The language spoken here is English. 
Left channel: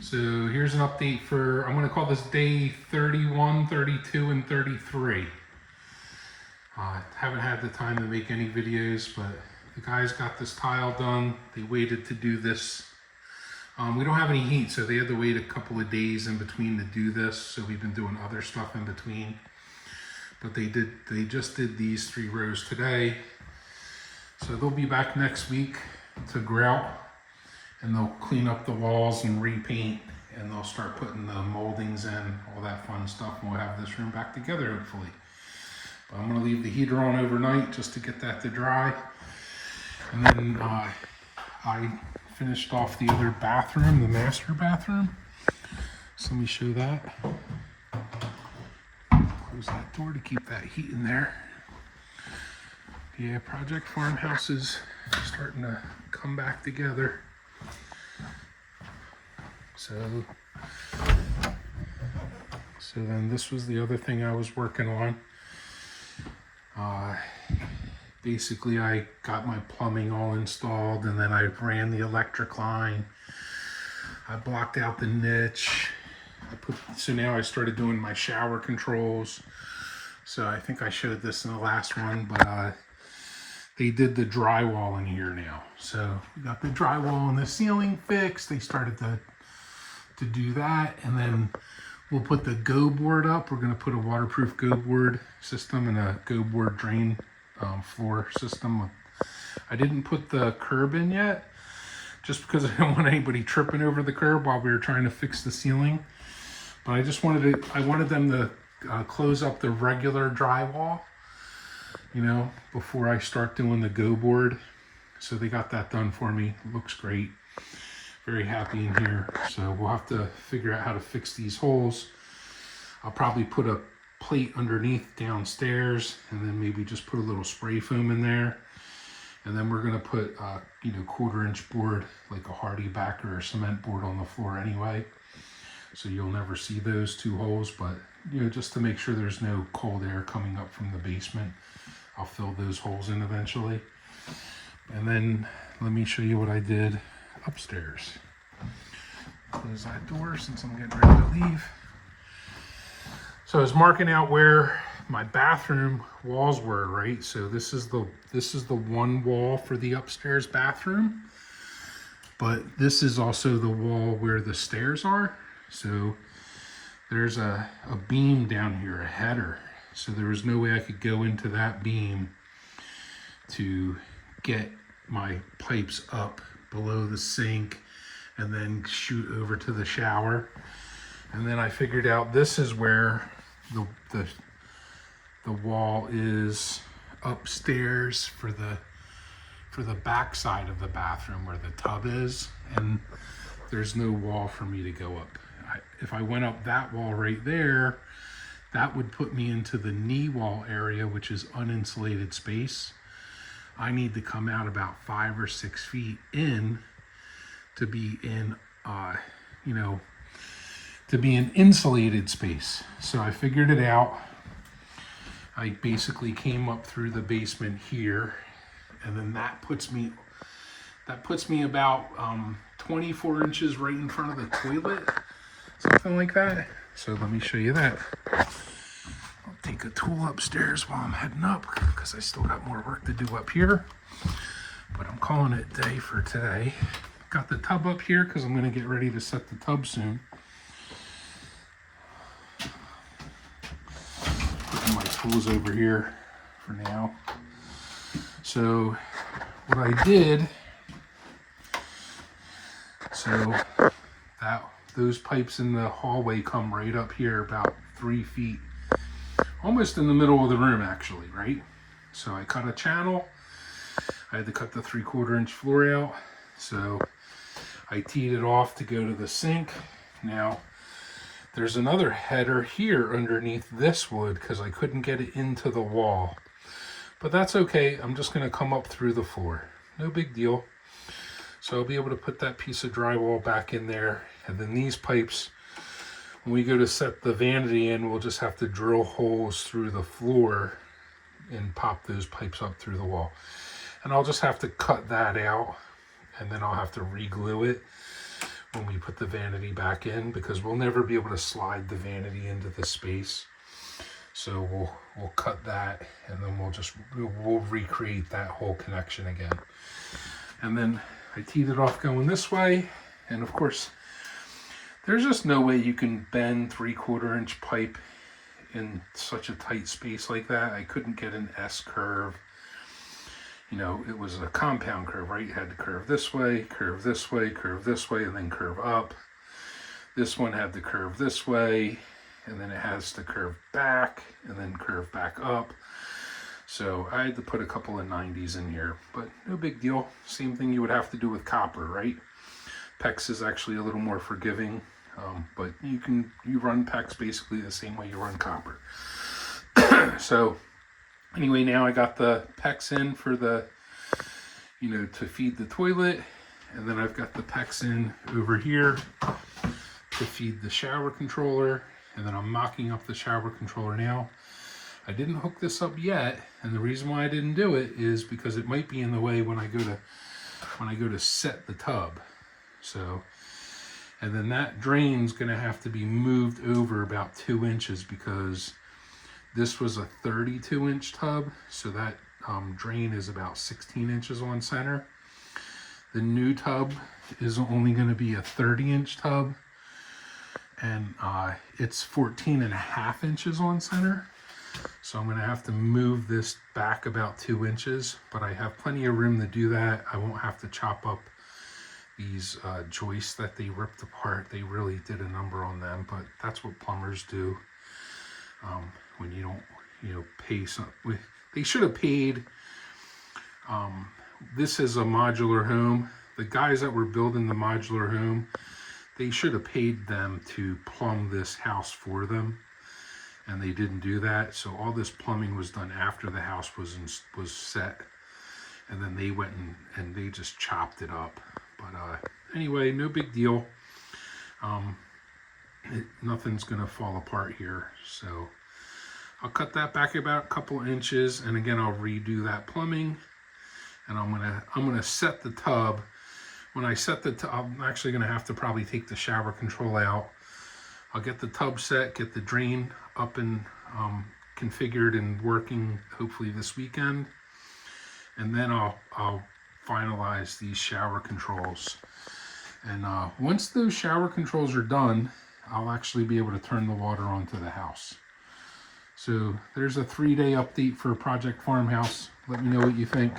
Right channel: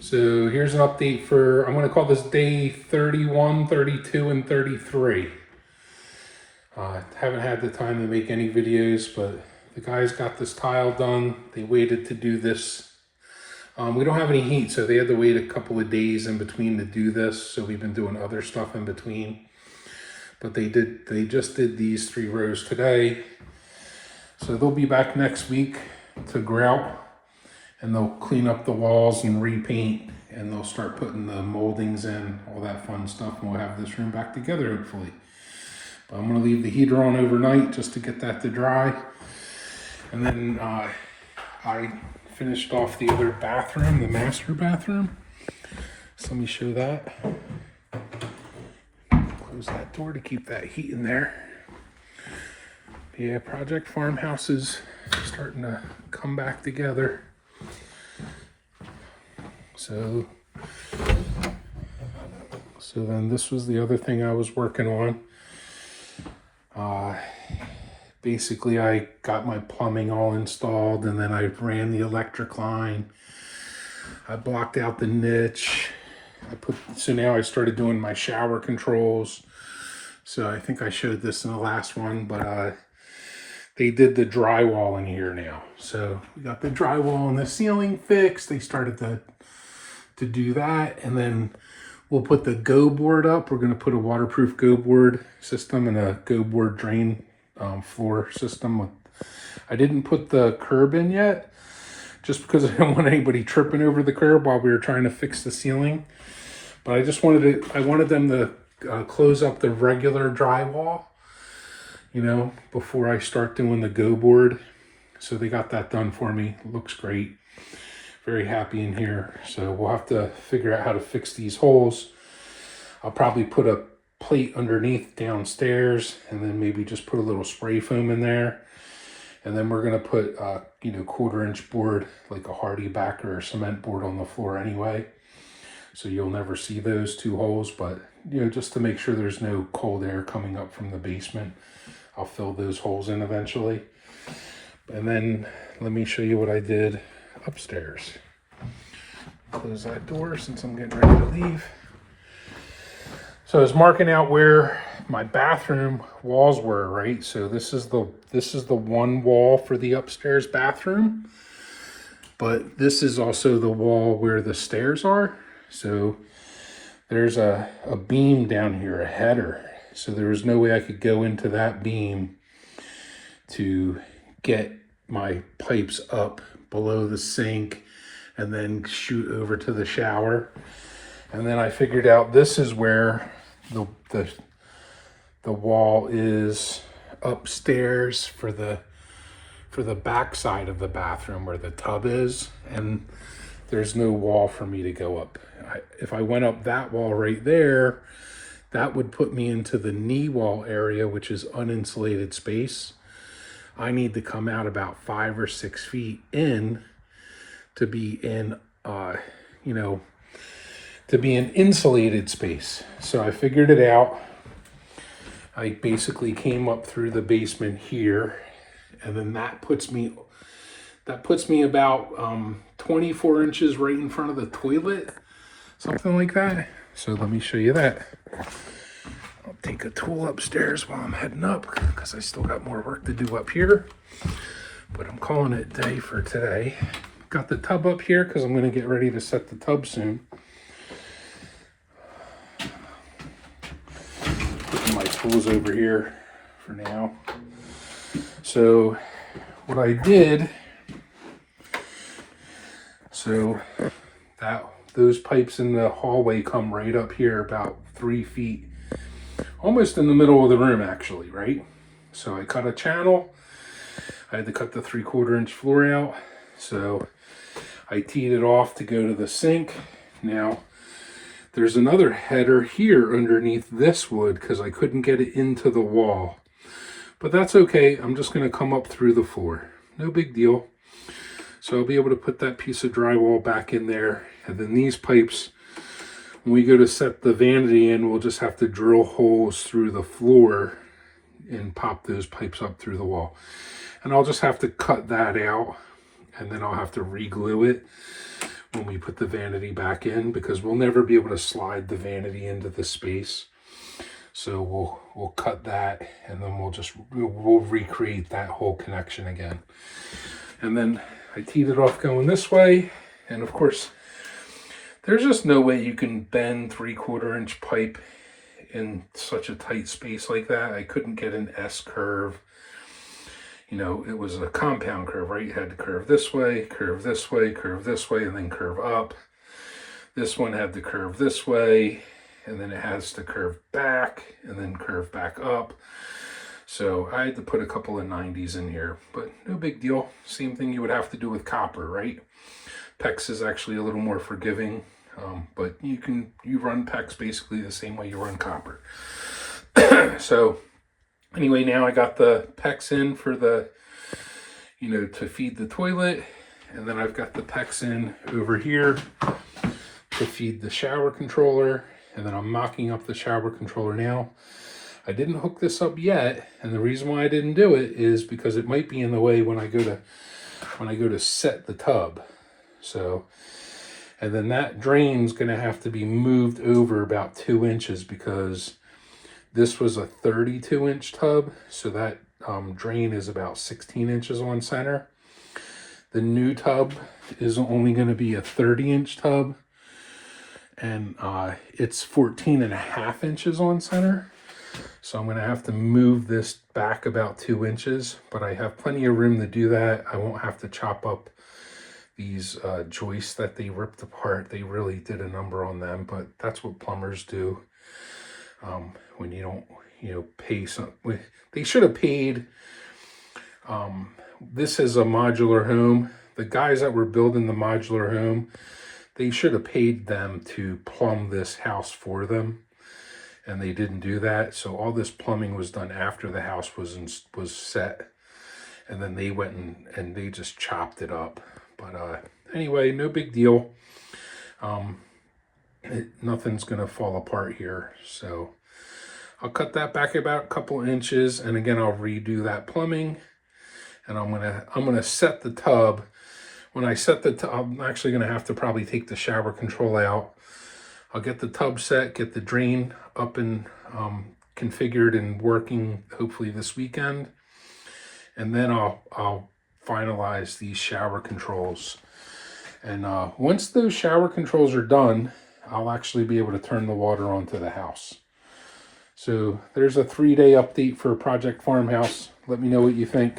So here's an update for, I'm going to call this day 31, 32, and 33. Haven't had the time to make any videos, but the guys got this tile done. They waited to do this. We don't have any heat, so they had to wait a couple of days in between to do this. So we've been doing other stuff in between. But they just did these 3 rows today. So they'll be back next week to grout, and they'll clean up the walls and repaint, and they'll start putting the moldings in, all that fun stuff, and we'll have this room back together hopefully. But I'm gonna leave the heater on overnight just to get that to dry. And then I finished off the other bathroom, the master bathroom. So let me show that. Close that door to keep that heat in there. Yeah, Project Farmhouse is starting to come back together. So then this was the other thing I was working on. Basically I got my plumbing all installed, and then I ran the electric line. I blocked out the niche. So now I started doing my shower controls. So I think I showed this in the last one, but they did the drywall in here now. So we got the drywall and the ceiling fixed. They started to do that, and then we'll put the go board up. We're going to put a waterproof go board system and a go board drain floor system. I didn't put the curb in yet, just because I didn't want anybody tripping over the curb while we were trying to fix the ceiling. But I wanted them to close up the regular drywall, you know, before I start doing the go board. So they got that done for me. It looks great. Very happy in here. So we'll have to figure out how to fix these holes. I'll probably put a plate underneath downstairs, and then maybe just put a little spray foam in there. And then we're gonna put you know, 1/4-inch board, like a hardy backer or cement board on the floor anyway. So you'll never see those 2 holes, but you know, just to make sure there's no cold air coming up from the basement, I'll fill those holes in eventually. And then let me show you what I did upstairs. Close that door since I'm getting ready to leave. So I was marking out where my bathroom walls were, right? So this is the one wall for the upstairs bathroom, but this is also the wall where the stairs are. So there's a beam down here, a header. So there was no way I could go into that beam to get my pipes up below the sink and then shoot over to the shower. And then I figured out this is where the wall is upstairs for the back side of the bathroom where the tub is, and there's no wall for me to go up. If I went up that wall right there, that would put me into the knee wall area, which is uninsulated space. I need to come out about 5 or 6 feet in to be in, you know, to be an insulated space. So I figured it out. I basically came up through the basement here, and then that puts me about 24 inches right in front of the toilet, something like that. So let me show you that. I'll take a tool upstairs while I'm heading up, because I still got more work to do up here. But I'm calling it day for today. Got the tub up here because I'm going to get ready to set the tub soon. Putting my tools over here for now. So what I did, so those pipes in the hallway come right up here about 3 feet, almost in the middle of the room actually, right? So I cut a channel. I had to cut the 3/4-inch floor out. So I teed it off to go to the sink. Now there's another header here underneath this wood because I couldn't get it into the wall. But that's okay. I'm just going to come up through the floor. No big deal. So I'll be able to put that piece of drywall back in there. And then these pipes, when we go to set the vanity in, we'll just have to drill holes through the floor and pop those pipes up through the wall. And I'll just have to cut that out, and then I'll have to re-glue it when we put the vanity back in, because we'll never be able to slide the vanity into the space. So we'll cut that, and then we'll recreate that whole connection again. And then I teed it off going this way, and of course there's just no way you can bend 3/4 inch pipe in such a tight space like that. I couldn't get an S curve. You know, it was a compound curve, right? You had to curve this way, curve this way, curve this way, and then curve up. This one had to curve this way, and then it has to curve back, and then curve back up. So I had to put a couple of 90s in here, but no big deal. Same thing you would have to do with copper, right? PEX is actually a little more forgiving, but you run PEX basically the same way you run copper. So anyway, now I got the PEX in for the, you know, to feed the toilet, and then I've got the PEX in over here to feed the shower controller, and then I'm mocking up the shower controller now. I didn't hook this up yet, and the reason why I didn't do it is because it might be in the way when I go to set the tub. So, and then that drain's gonna have to be moved over about 2 inches, because this was a 32-inch tub, so that drain is about 16 inches on center. The new tub is only going to be a 30-inch tub, and it's 14.5 inches on center. So I'm going to have to move this back about 2 inches, but I have plenty of room to do that. I won't have to chop up these joists that they ripped apart. They really did a number on them, but that's what plumbers do. When you don't, you know, pay some, they should have paid. This is a modular home. The guys that were building the modular home, they should have paid them to plumb this house for them, and they didn't do that. So all this plumbing was done after the house was set, and then they went and they just chopped it up. But anyway, no big deal. Nothing's gonna fall apart here, so I'll cut that back about a couple inches, and again I'll redo that plumbing, and I'm gonna set the tub. When I set the tub, I'm actually gonna have to probably take the shower control out. I'll get the tub set, get the drain up and configured and working hopefully this weekend, and then I'll finalize these shower controls. And once those shower controls are done, I'll actually be able to turn the water onto the house. So there's a 3-day update for Project Farmhouse. Let me know what you think.